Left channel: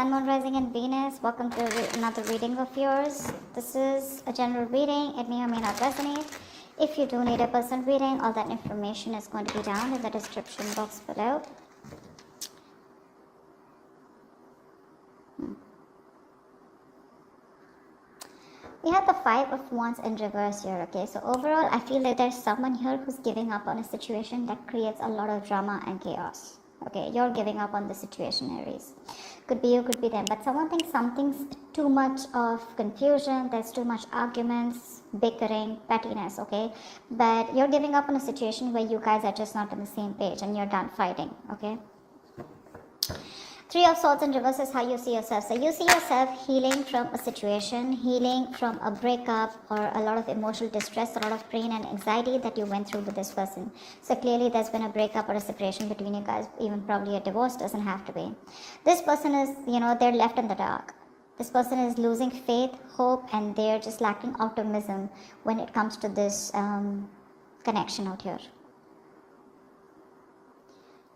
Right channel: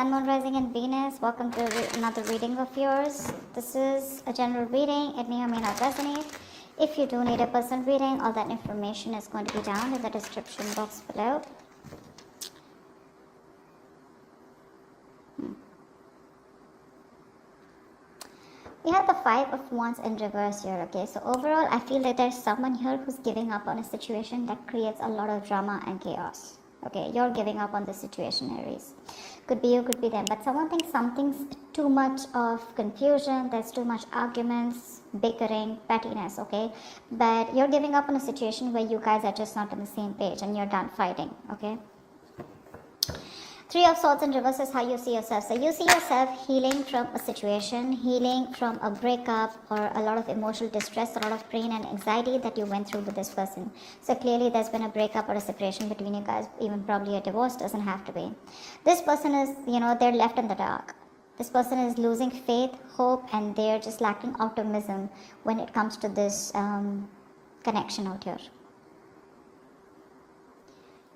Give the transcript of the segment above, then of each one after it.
Sun, Moon, Rising, and Venus. Welcome to another reading of yours. This is a general reading. It may or may not resonate. If you do need a personal reading, all that information is going to be down in the description box below. We have the Five of Wands in reverse here, okay? So overall, I feel that there's someone here who's giving up on a situation that creates a lot of drama and chaos. Okay, you're giving up on the situation, Aries. Could be you, could be them. But someone thinks something's too much of confusion, there's too much arguments, bickering, pettiness, okay? But you're giving up on a situation where you guys are just not on the same page and you're done fighting, okay? Three of Swords in reverse is how you see yourself. So you see yourself healing from a situation, healing from a breakup or a lot of emotional distress, a lot of pain and anxiety that you went through with this person. So clearly there's been a breakup or a separation between you guys, even probably a divorce, doesn't have to be. This person is, they're left in the dark. This person is losing faith, hope, and they're just lacking optimism when it comes to this connection out here.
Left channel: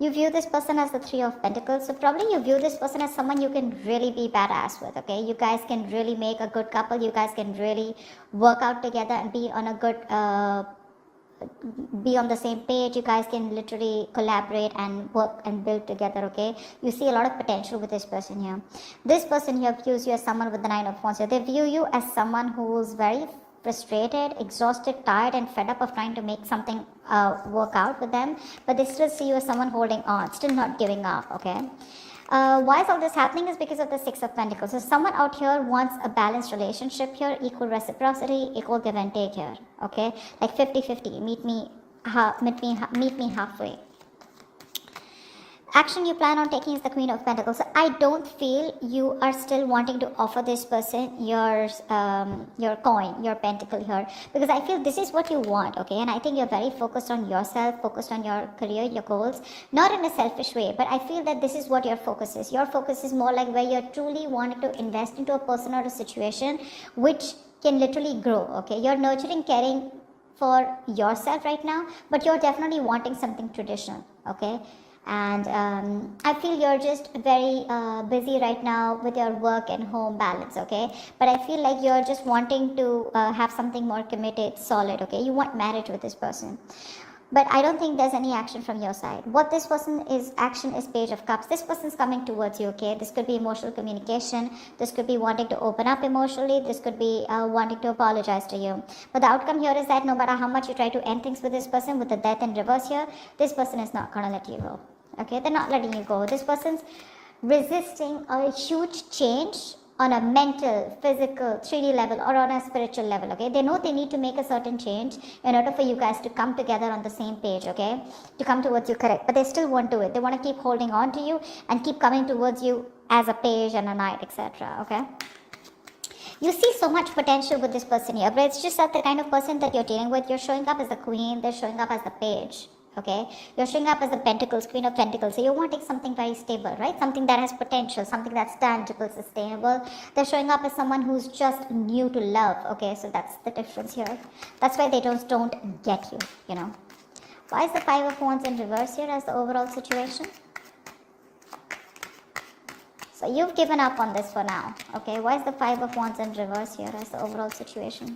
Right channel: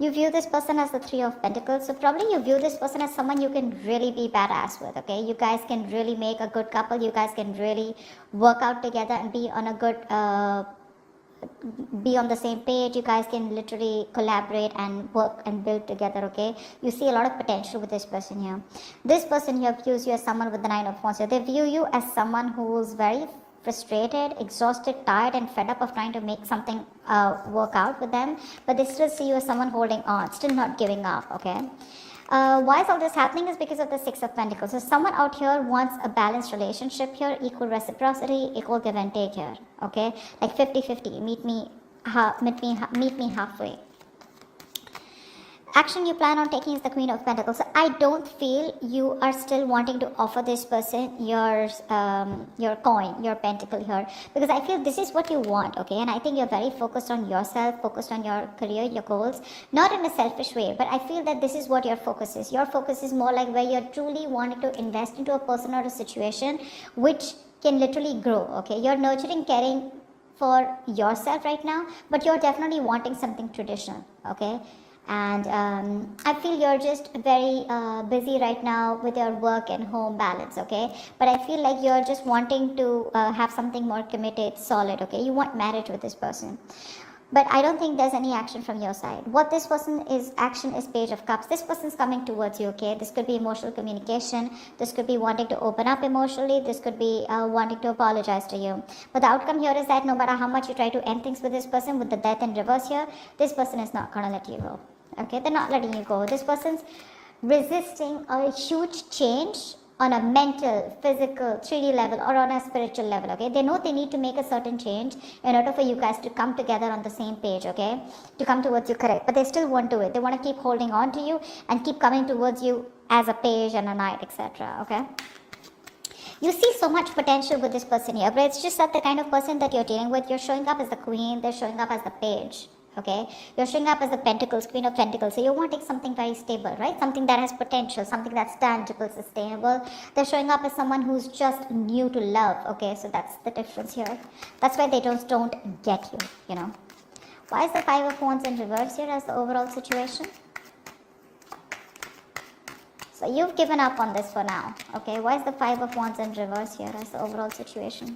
You view this person as the Three of Pentacles, so probably you view this person as someone you can really be badass with, okay? You guys can really make a good couple, you guys can really work out together and be on a good, be on the same page. You guys can literally collaborate and work and build together, okay? You see a lot of potential with this person here. This person here views you as someone with the Nine of Wands. So they view you as someone who's very frustrated, exhausted, tired, and fed up of trying to make something work out with them, but they still see you as someone holding on, still not giving up, okay? Why is all this happening is because of the Six of Pentacles. So someone out here wants a balanced relationship here, equal reciprocity, equal give and take here, okay? Like 50-50, meet me halfway. Action you plan on taking is the Queen of Pentacles. So I don't feel you are still wanting to offer this person your coin, your pentacle here, because I feel this is what you want, okay? And I think you're very focused on yourself, focused on your career, your goals, not in a selfish way, but I feel that this is what your focus is. Your focus is more like where you're truly wanting to invest into a person or a situation which can literally grow, okay? You're nurturing, caring for yourself right now, but you're definitely wanting something traditional, okay? And I feel you're just very busy right now with your work and home balance, okay? But I feel like you're just wanting to have something more committed, solid, okay? You want marriage with this person. But I don't think there's any action from your side. What this person is, action is Page of Cups. This person's coming towards you, okay? This could be emotional communication. This could be wanting to open up emotionally. This could be wanting to apologize to you. But the outcome here is that no matter how much you try to end things with this person, with the Death in reverse here, this person is not going to let you go. Okay, they're not letting you go. This person's resisting a huge change on a mental, physical, 3D level or on a spiritual level, okay? They know they need to make a certain change in order for you guys to come together on the same page, okay? To come towards you, correct. But they still want to it. They want to keep holding on to you and keep coming towards you as a page and a knight, etc., okay? You see so much potential with this person here, but it's just not the kind of person that you're dealing with. You're showing up as the queen, they're showing up as the page. Okay, you're showing up as the Pentacles, Queen of Pentacles, so you're wanting something very stable, right? Something that has potential, something that's tangible, sustainable. They're showing up as someone who's just new to love, okay? So that's the difference here. That's why they just don't get you, you know. Why is the Five of Wands in reverse here as the overall situation? So you've given up on this for now, okay? Why is the Five of Wands in reverse here as the overall situation?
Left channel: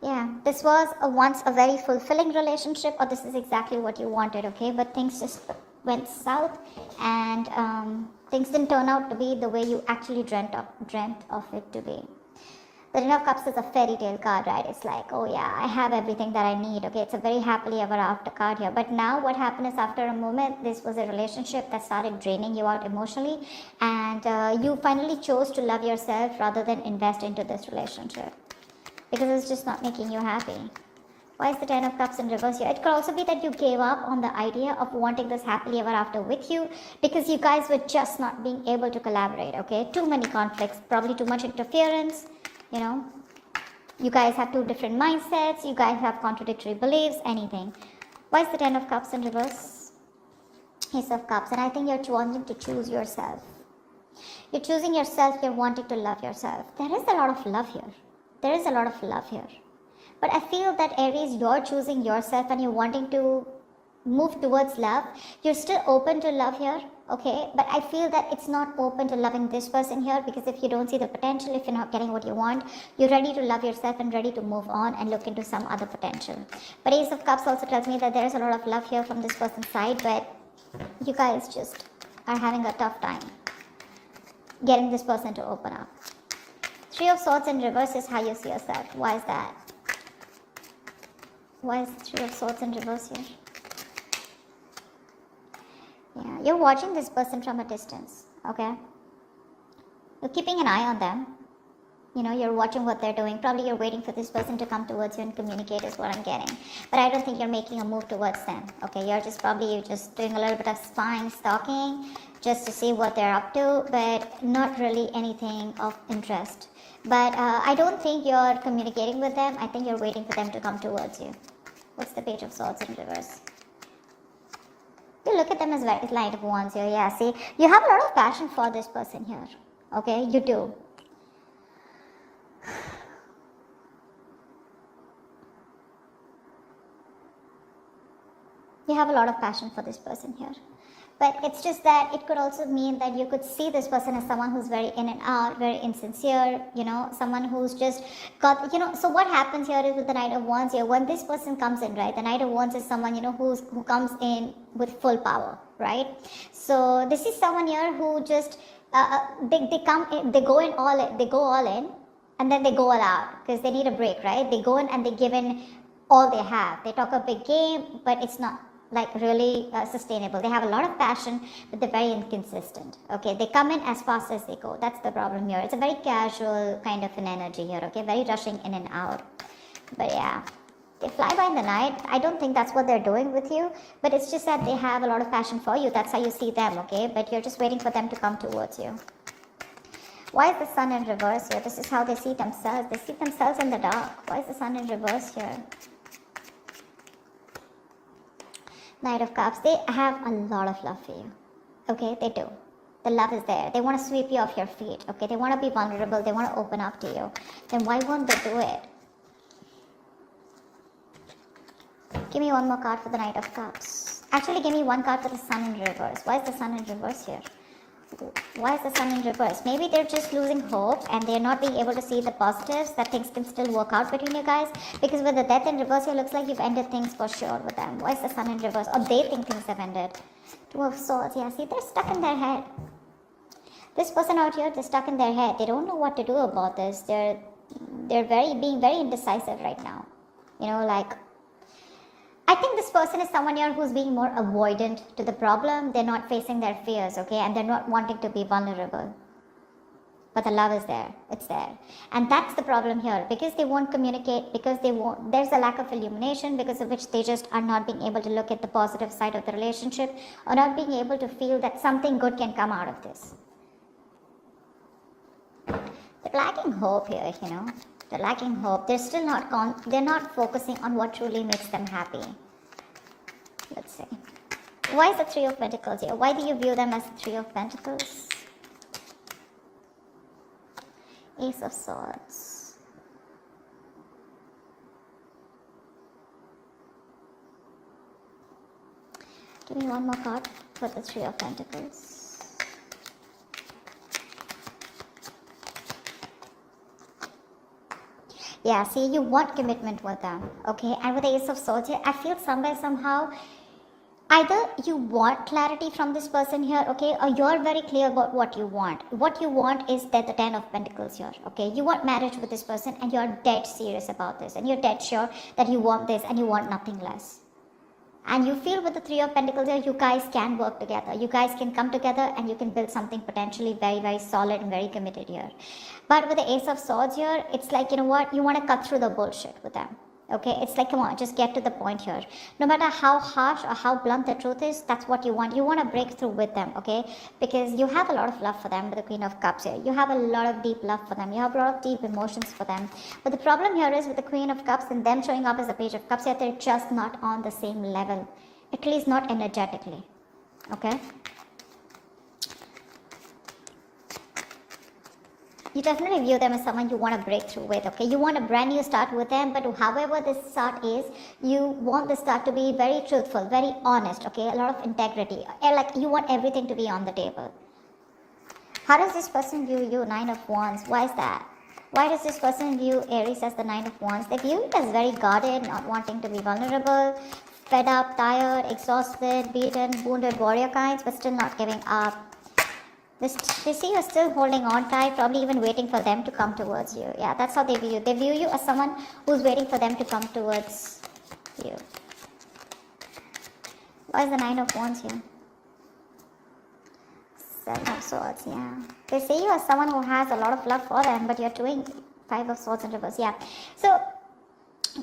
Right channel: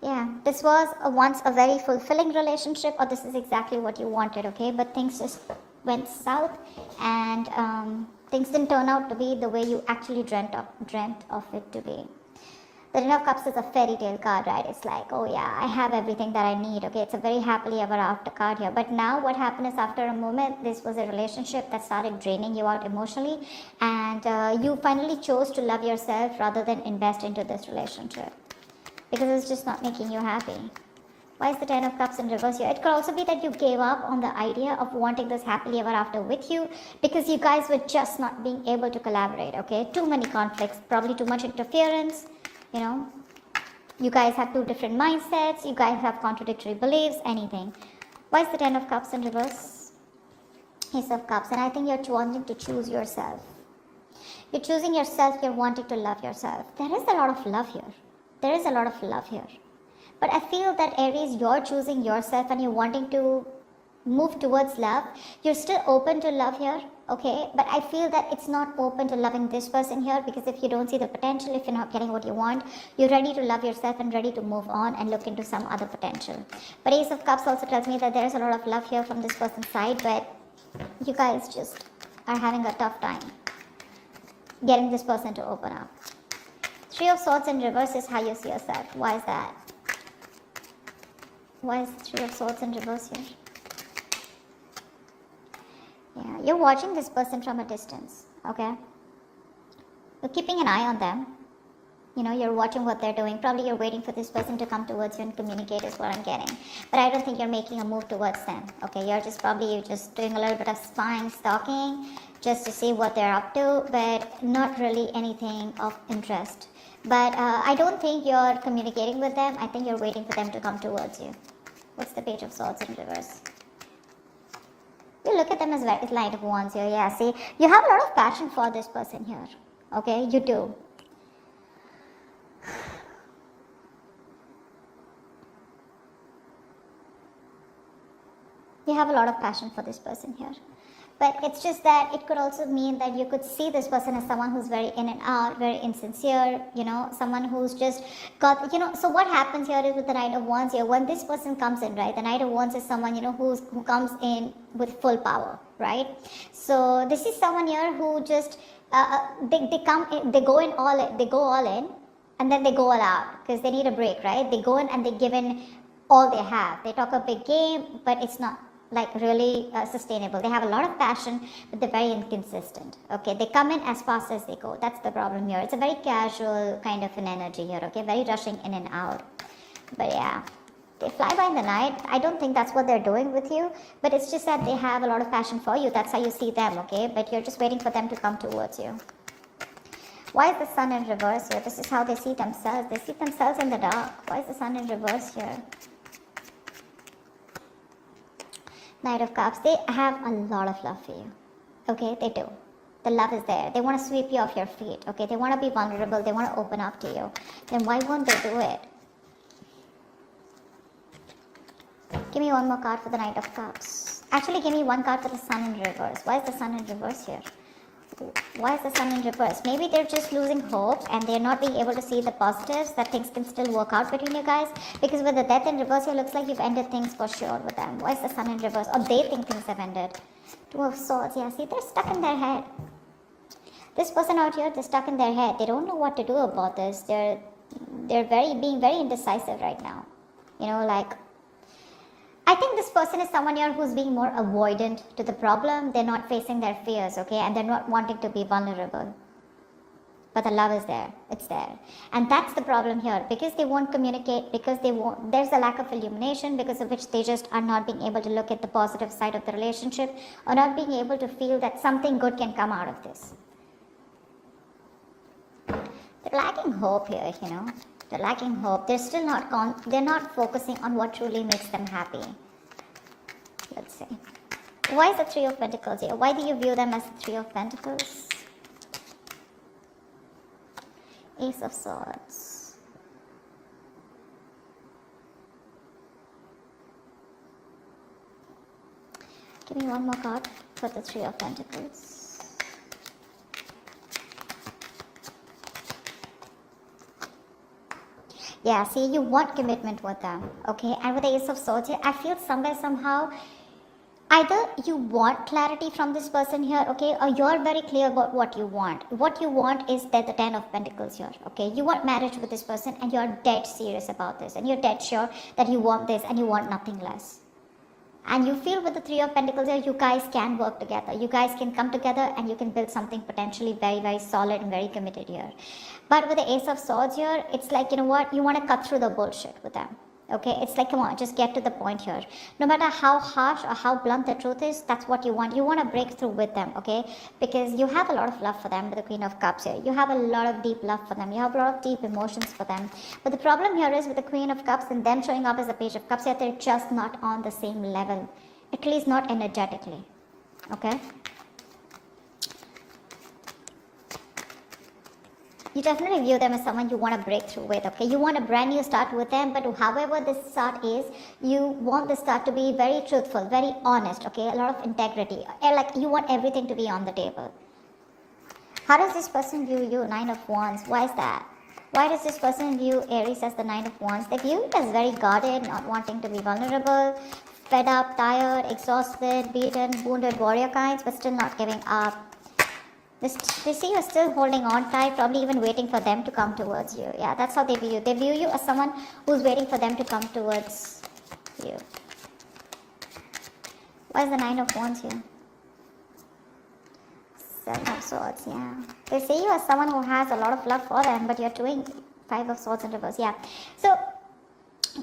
Yeah, this was once a very fulfilling relationship, or this is exactly what you wanted, okay? But things just went south, and things didn't turn out to be the way you actually dreamt of it to be. The Ten of Cups is a fairy tale card, right? It's like, oh yeah, I have everything that I need, okay? It's a very happily ever after card here. But now what happened is, after a moment, this was a relationship that started draining you out emotionally, and you finally chose to love yourself rather than invest into this relationship, because it's just not making you happy. Why is the Ten of Cups in reverse here? It could also be that you gave up on the idea of wanting this happily ever after with you, because you guys were just not being able to collaborate, okay? Too many conflicts, probably too much interference, you know? You guys have two different mindsets, you guys have contradictory beliefs, anything. Why is the Ten of Cups in reverse? Ace of Cups, and I think you're wanting to choose yourself. You're choosing yourself, you're wanting to love yourself. There is a lot of love here. There is a lot of love here. But I feel that, Aries, you're choosing yourself and you're wanting to move towards love. You're still open to love here, okay? But I feel that it's not open to loving this person here, because if you don't see the potential, if you're not getting what you want, you're ready to love yourself and ready to move on and look into some other potential. But Ace of Cups also tells me that there is a lot of love here from this person's side, but you guys just are having a tough time getting this person to open up. Three of Swords in reverse is how you see yourself. Why is that? Why is Three of Swords in reverse here? Yeah, you're watching this person from a distance, okay? You're keeping an eye on them. You know, you're watching what they're doing. Probably you're waiting for this person to come towards you and communicate is what I'm getting. But I don't think you're making a move towards them, okay? You're just doing a little bit of spying, stalking, just to see what they're up to, but not really anything of interest. But I don't think you're communicating with them. I think you're waiting for them to come towards you. What's the Page of Swords in reverse? You look at them as Knight of Wands here. Yeah, see, you have a lot of passion for this person here. Okay, you do. You have a lot of passion for this person here. But it's just that it could also mean that you could see this person as someone who's very in and out, very insincere, you know, someone who's just got, you know, so what happens here is with the Knight of Wands here, when this person comes in, right, the Knight of Wands is someone, you know, who comes in with full power, right? So this is someone here who just, they come in, they go all in, and then they go all out, because they need a break, right? They go in and they give in all they have. They talk a big game, but it's not like really sustainable. They have a lot of passion, but they're very inconsistent. Okay, they come in as fast as they go. That's the problem here. It's a very casual kind of an energy here. Okay, very rushing in and out. But yeah, they fly by in the night. I don't think that's what they're doing with you, but it's just that they have a lot of passion for you. That's how you see them. Okay, but you're just waiting for them to come towards you. Why is the Sun in reverse here? This is how they see themselves. They see themselves in the dark. Why is the Sun in reverse here? Knight of Cups, they have a lot of love for you. Okay, they do. The love is there. They want to sweep you off your feet. Okay, they want to be vulnerable. They want to open up to you. Then why won't they do it? Give me one more card for the Knight of Cups. Actually, give me one card for the Sun in reverse. Why is the Sun in reverse here? Why is the Sun in reverse? Maybe they're just losing hope and they're not being able to see the positives that things can still work out between you guys. Because with the Death in reverse, it looks like you've ended things for sure with them. Why is the Sun in reverse? Or they think things have ended. Two of Swords, yeah, see, they're stuck in their head. This person out here, they're stuck in their head. They don't know what to do about this. They're being very indecisive right now. You know, like, I think this person is someone here who's being more avoidant to the problem. They're not facing their fears, okay? And they're not wanting to be vulnerable. But the love is there. It's there. And that's the problem here. Because they won't communicate, because there's a lack of illumination, because of which they just are not being able to look at the positive side of the relationship, or not being able to feel that something good can come out of this. They're lacking hope here, you know? They're lacking hope. They're still not they're not focusing on what truly makes them happy. Let's see. Why is the Three of Pentacles here? Why do you view them as the Three of Pentacles? Ace of Swords. Give me one more card for the Three of Pentacles. Yeah, see, you want commitment with them, okay? And with the Ace of Swords here, I feel somehow, either you want clarity from this person here, okay? Or you're very clear about what you want. What you want is the Ten of Pentacles here, okay? You want marriage with this person and you're dead serious about this. And you're dead sure that you want this and you want nothing less. And you feel with the Three of Pentacles here, you guys can work together. You guys can come together and you can build something potentially very, very solid and very committed here. But with the Ace of Swords here, it's like, you know what? You want to cut through the bullshit with them. Okay, it's like, come on, just get to the point here. No matter how harsh or how blunt the truth is, that's what you want. You want to break through with them, okay? Because you have a lot of love for them with the Queen of Cups here. You have a lot of deep love for them. You have a lot of deep emotions for them. But the problem here is with the Queen of Cups and them showing up as the Page of Cups here, they're just not on the same level. At least not energetically, okay? You definitely view them as someone you want to break through with, okay? You want a brand new start with them, but however this start is, you want the start to be very truthful, very honest, okay? A lot of integrity. Like, you want everything to be on the table. How does this person view you? Nine of Wands. Why is that? Why does this person view Aries as the Nine of Wands? They view you as very guarded, not wanting to be vulnerable, fed up, tired, exhausted, beaten, wounded warrior kinds, but still not giving up. We see you're still holding on tight, probably even waiting for them to come towards you. Yeah, that's how they view you. They view you as someone who's waiting for them to come towards you. Why is the Nine of Wands here? Seven of Swords, yeah. They see you as someone who has a lot of love for them, but you're doing Five of Swords in reverse, yeah. So,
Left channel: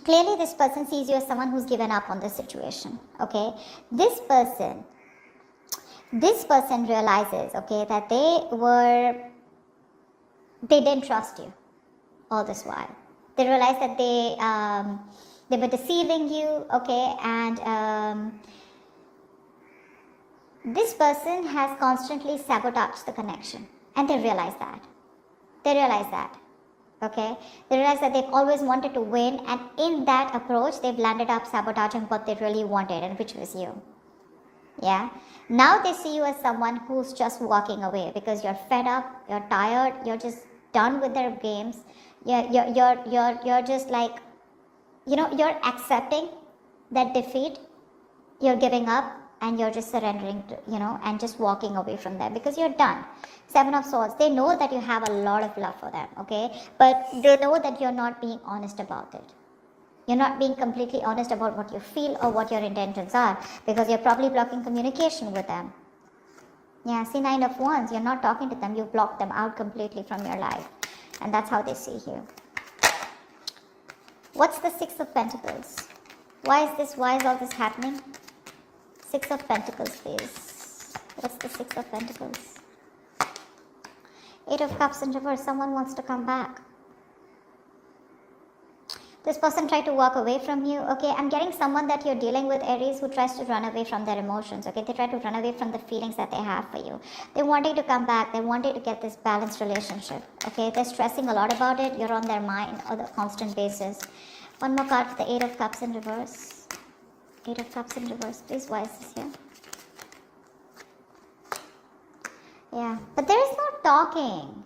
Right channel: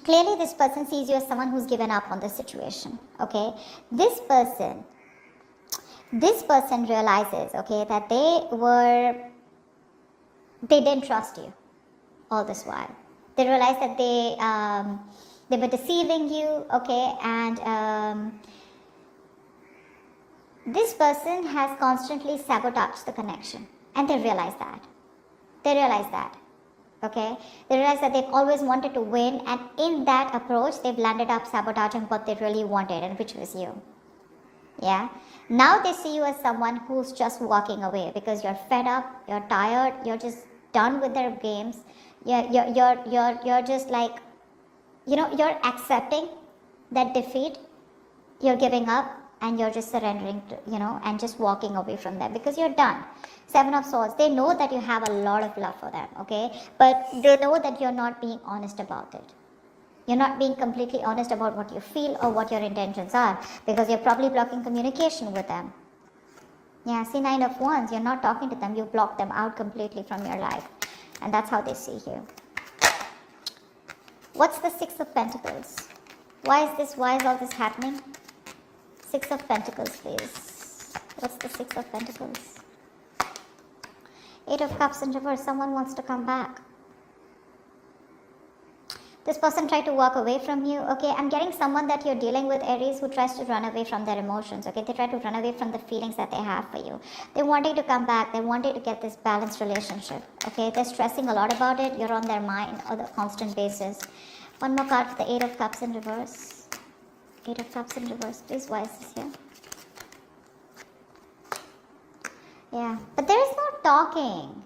clearly this person sees you as someone who's given up on the situation, okay? This person realizes, okay, that they didn't trust you all this while. They realized that they were deceiving you, okay, and this person has constantly sabotaged the connection, and they realize that. Okay, they realize that they've always wanted to win, and in that approach, they've landed up sabotaging what they really wanted, and which was you. Yeah. Now they see you as someone who's just walking away because you're fed up, you're tired, you're just done with their games. You're just like, you're accepting that defeat. You're giving up and you're just surrendering to, and just walking away from them because you're done. Seven of Swords. They know that you have a lot of love for them, okay? But they know that you're not being honest about it. You're not being completely honest about what you feel or what your intentions are because you're probably blocking communication with them. Yeah, see, Nine of Wands, you're not talking to them, you block them out completely from your life. And that's how they see you. What's the Six of Pentacles? Why is all this happening? Six of Pentacles, please. What's the Six of Pentacles? Eight of Cups in reverse, someone wants to come back. This person tried to walk away from you, okay? I'm getting someone that you're dealing with, Aries, who tries to run away from their emotions, okay? They try to run away from the feelings that they have for you. They want you to come back. They want you to get this balanced relationship, okay? They're stressing a lot about it. You're on their mind on a constant basis. One more card for the Eight of Cups in reverse. Eight of Cups in reverse, please. Why is this here? Yeah, but there is no talking.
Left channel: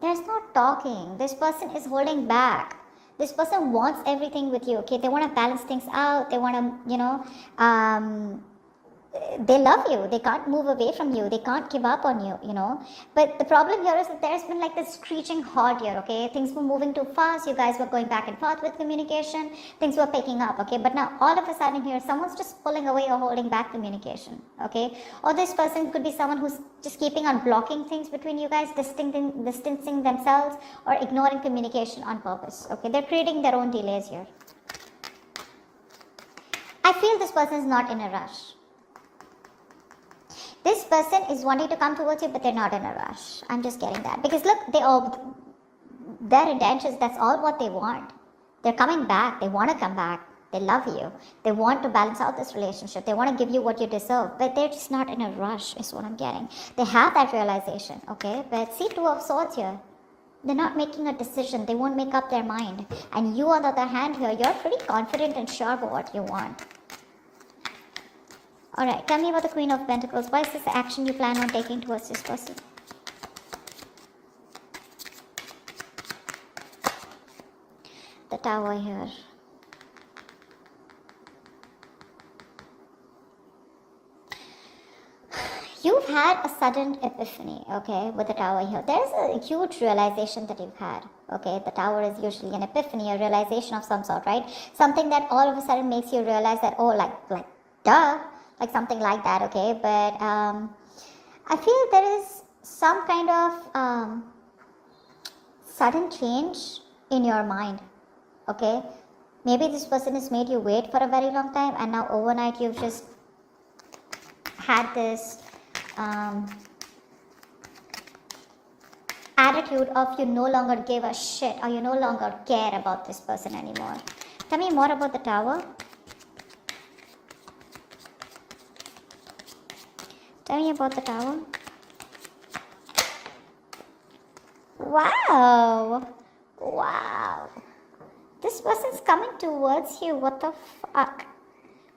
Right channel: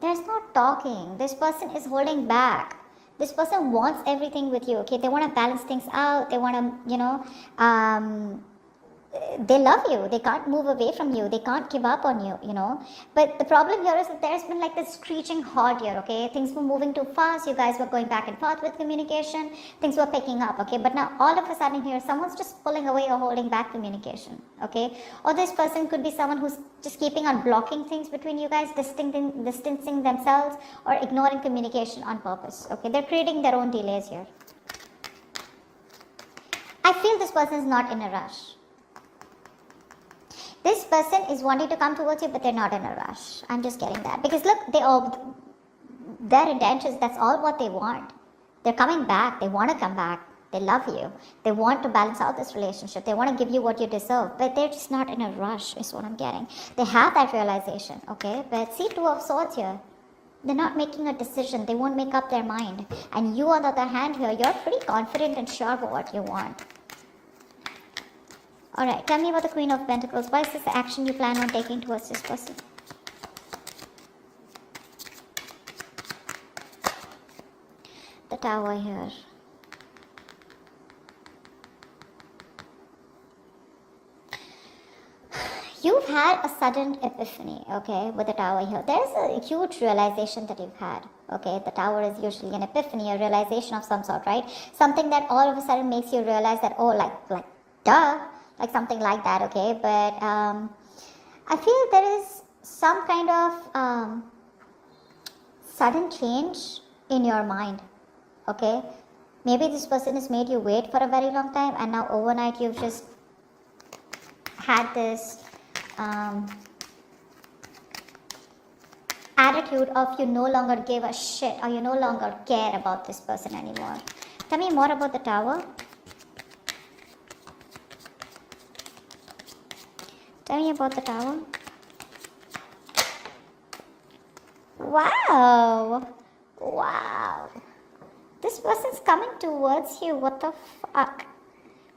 There's no talking. This person is holding back. This person wants everything with you, okay? They want to balance things out. They want to, they love you. They can't move away from you. They can't give up on you, But the problem here is that there's been like this screeching halt here, okay? Things were moving too fast. You guys were going back and forth with communication. Things were picking up, okay? But now all of a sudden here, someone's just pulling away or holding back communication, okay? Or this person could be someone who's just keeping on blocking things between you guys, distancing themselves or ignoring communication on purpose, okay? They're creating their own delays here. I feel this person is not in a rush. This person is wanting to come towards you, but they're not in a rush. I'm just getting that. Because look, their intentions, that's all what they want. They're coming back. They want to come back. They love you. They want to balance out this relationship. They want to give you what you deserve. But they're just not in a rush, is what I'm getting. They have that realization, okay? But see, Two of Swords here. They're not making a decision. They won't make up their mind. And you, on the other hand here, you're pretty confident and sure about what you want. Alright, tell me about the Queen of Pentacles. What is this action you plan on taking towards this person? The Tower here. You've had a sudden epiphany, okay, with the Tower here. There's a huge realization that you've had, okay? The Tower is usually an epiphany, a realization of some sort, right? Something that all of a sudden makes you realize that, oh, like, duh! Like something like that, okay? But I feel there is some kind of sudden change in your mind, okay? Maybe this person has made you wait for a very long time, and now overnight you've just had this attitude of you no longer give a shit, or you no longer care about this person anymore. Tell me more about the Tower. Tell me about the Tower. Wow. Wow. This person's coming towards you. What the fuck?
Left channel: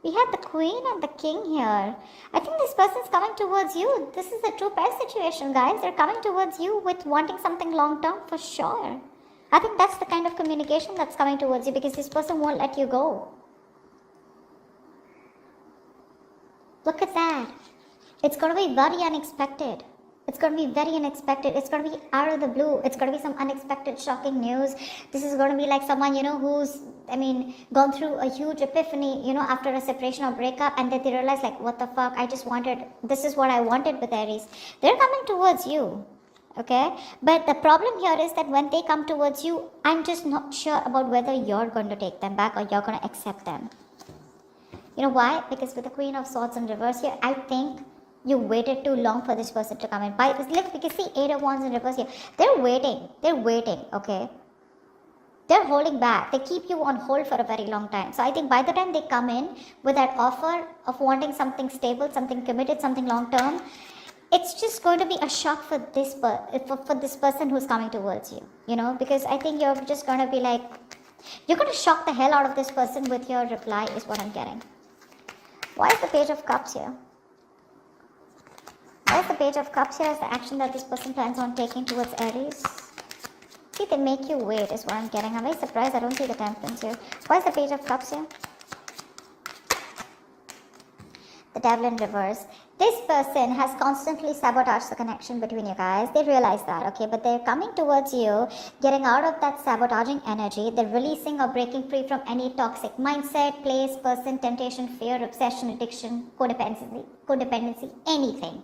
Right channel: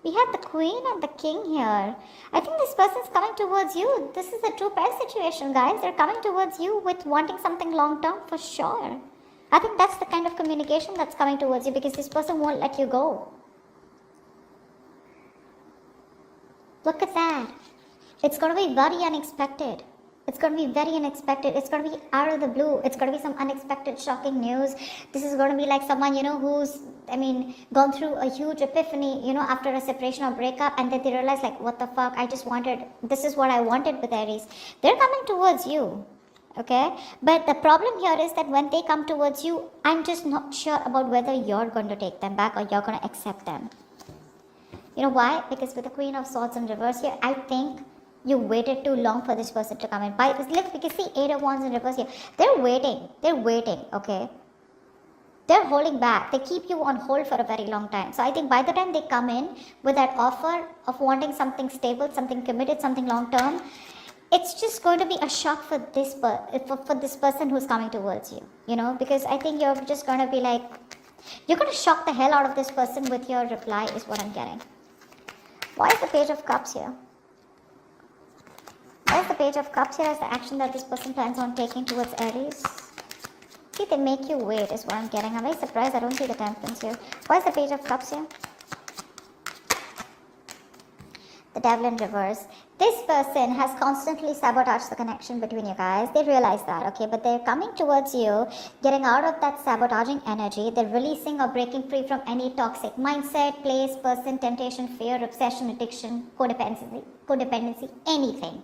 We have the queen and the king here. I think this person's coming towards you. This is a true pair situation, guys. They're coming towards you with wanting something long term for sure. I think that's the kind of communication that's coming towards you because this person won't let you go. Look at that. It's going to be very unexpected. It's going to be very unexpected. It's going to be out of the blue. It's going to be some unexpected, shocking news. This is going to be like someone, who's, gone through a huge epiphany, after a separation or breakup, and then they realize, like, what the fuck, this is what I wanted with Aries. They're coming towards you, okay? But the problem here is that when they come towards you, I'm just not sure about whether you're going to take them back or you're going to accept them. You know why? Because with the Queen of Swords in reverse here, I think you waited too long for this person to come in. Because the Eight of Wands in reverse here, they're waiting, okay? They're holding back. They keep you on hold for a very long time. So I think by the time they come in with that offer of wanting something stable, something committed, something long term, it's just going to be a shock for this person who's coming towards you. Because I think you're just going to be like, you're going to shock the hell out of this person with your reply is what I'm getting. Why is the Page of Cups here? Why is the Page of Cups here? Is the action that this person plans on taking towards Aries? See, they make you wait is what I'm getting. I'm very surprised I don't see the Temperance here. Why is the Page of Cups here? The Devil in reverse. This person has constantly sabotaged the connection between you guys. They realize that, okay? But they're coming towards you, getting out of that sabotaging energy. They're releasing or breaking free from any toxic mindset, place, person, temptation, fear, obsession, addiction, codependency, anything.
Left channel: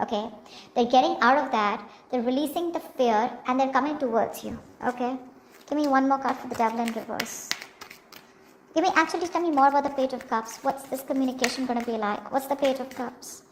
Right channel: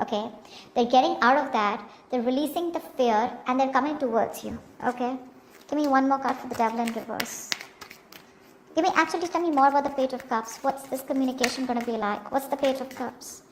Okay, they're getting out of that, they're releasing the fear, and they're coming towards you. Okay, give me one more card for the Devil in reverse. Actually tell me more about the Page of Cups. What's this communication gonna be like? What's the Page of Cups?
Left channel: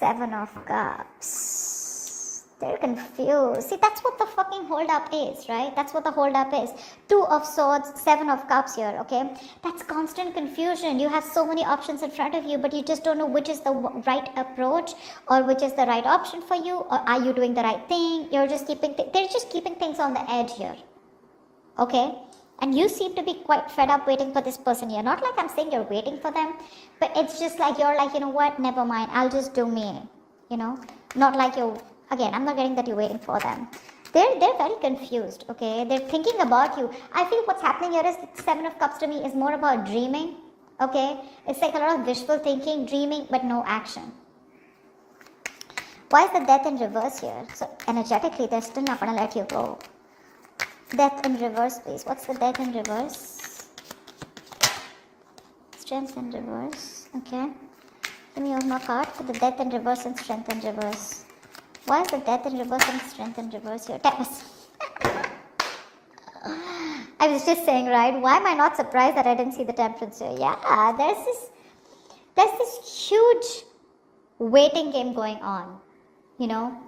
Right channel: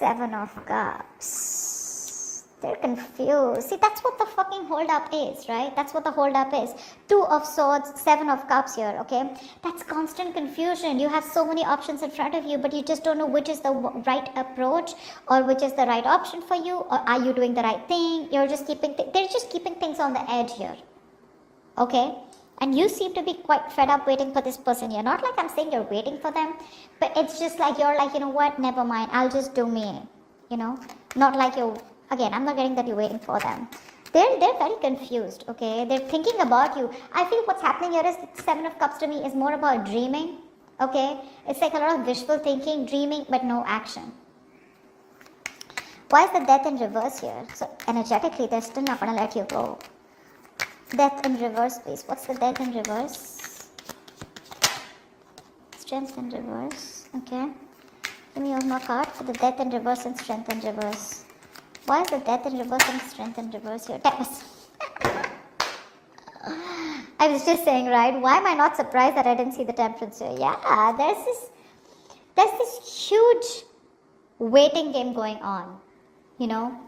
Seven of Cups. They're confused. See, that's what the fucking hold up is, right? That's what the hold up is. Two of Swords, Seven of Cups here, okay? That's constant confusion. You have so many options in front of you, but you just don't know which is the right approach or which is the right option for you, or are you doing the right thing? They're just keeping things on the edge here, okay? And you seem to be quite fed up waiting for this person here. Not like I'm saying you're waiting for them, but it's just like you're like, you know what, never mind, I'll just do me, Not like you're, again, I'm not getting that you're waiting for them. They're very confused, okay? They're thinking about you. I feel what's happening here is the Seven of Cups to me is more about dreaming, okay? It's like a lot of wishful thinking, dreaming, but no action. Why is the Death in reverse here? So energetically, they're still not going to let you go. Death in reverse, please. What's the Death in reverse? Strength in reverse, okay? Give me one more card for the Death in reverse and Strength in reverse. Why is the Death in reverse and Strength in reverse here? Tell us. I was just saying, right? Why am I not surprised that I didn't see the Temperance here? Yeah, there's this huge waiting game going on.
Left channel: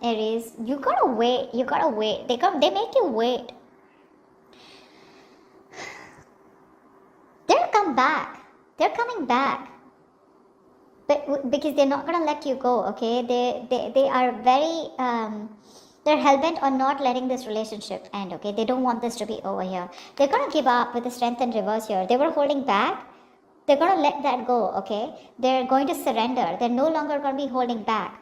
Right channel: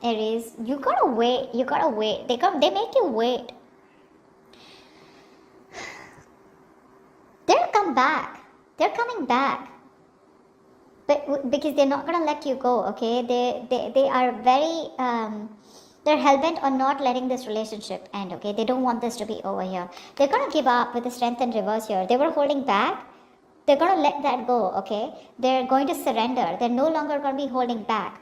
Aries, you gotta wait. They make you wait. They'll come back. They're coming back. Because they're not going to let you go, okay? They are very, they're hell-bent on not letting this relationship end, okay? They don't want this to be over here. They're going to give up with the Strength in reverse here. They were holding back. They're going to let that go, okay? They're going to surrender. They're no longer going to be holding back.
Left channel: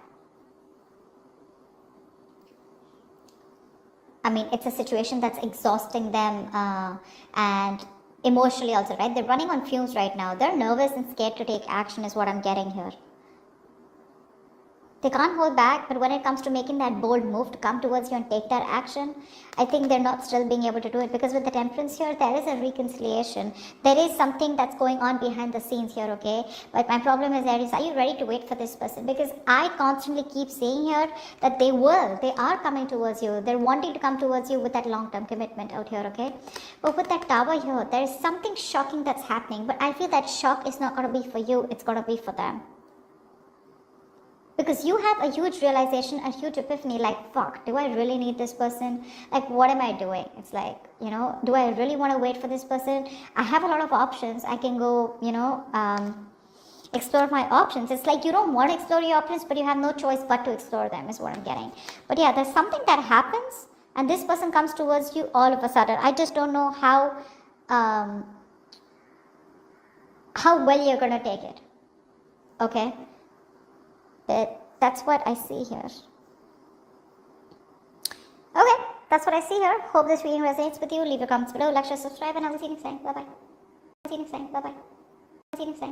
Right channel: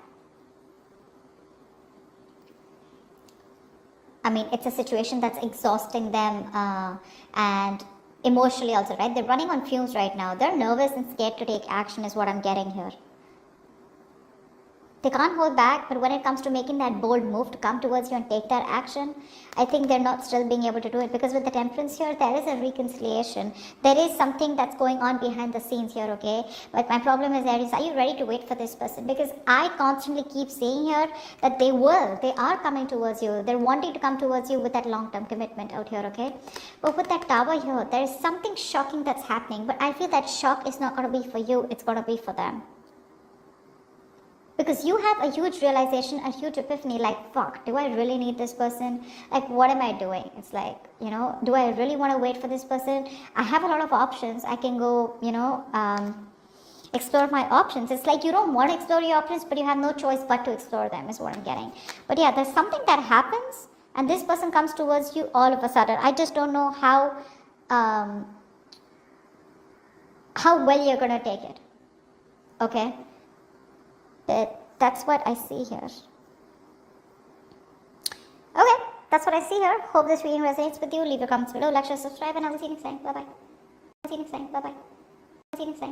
It's a situation that's exhausting them, and emotionally also, right? They're running on fumes right now. They're nervous and scared to take action is what I'm getting here. They can't hold back, but when it comes to making that bold move to come towards you and take that action, I think they're not still being able to do it, because with the Temperance here, there is a reconciliation. There is something that's going on behind the scenes here, okay? But my problem is, Aries, are you ready to wait for this person? Because I constantly keep seeing here that they are coming towards you. They're wanting to come towards you with that long-term commitment out here, okay? But with that Tower here, there's something shocking that's happening, but I feel that shock is not going to be for you, it's going to be for them. Because you have a huge realization, a huge epiphany, like, fuck, do I really need this person? Like, what am I doing? It's like, do I really want to wait for this person? I have a lot of options. I can go, explore my options. It's like you don't want to explore your options, but you have no choice but to explore them, is what I'm getting. But yeah, there's something that happens, and this person comes towards you all of a sudden. I just don't know how well you're gonna take it. Okay, that's what I see here. Okay, that's what I see here. Hope this reading resonates with you. Leave your comments below, like, share, subscribe, and I'll see you next time. Bye bye. See you next time. Bye bye. See you next time.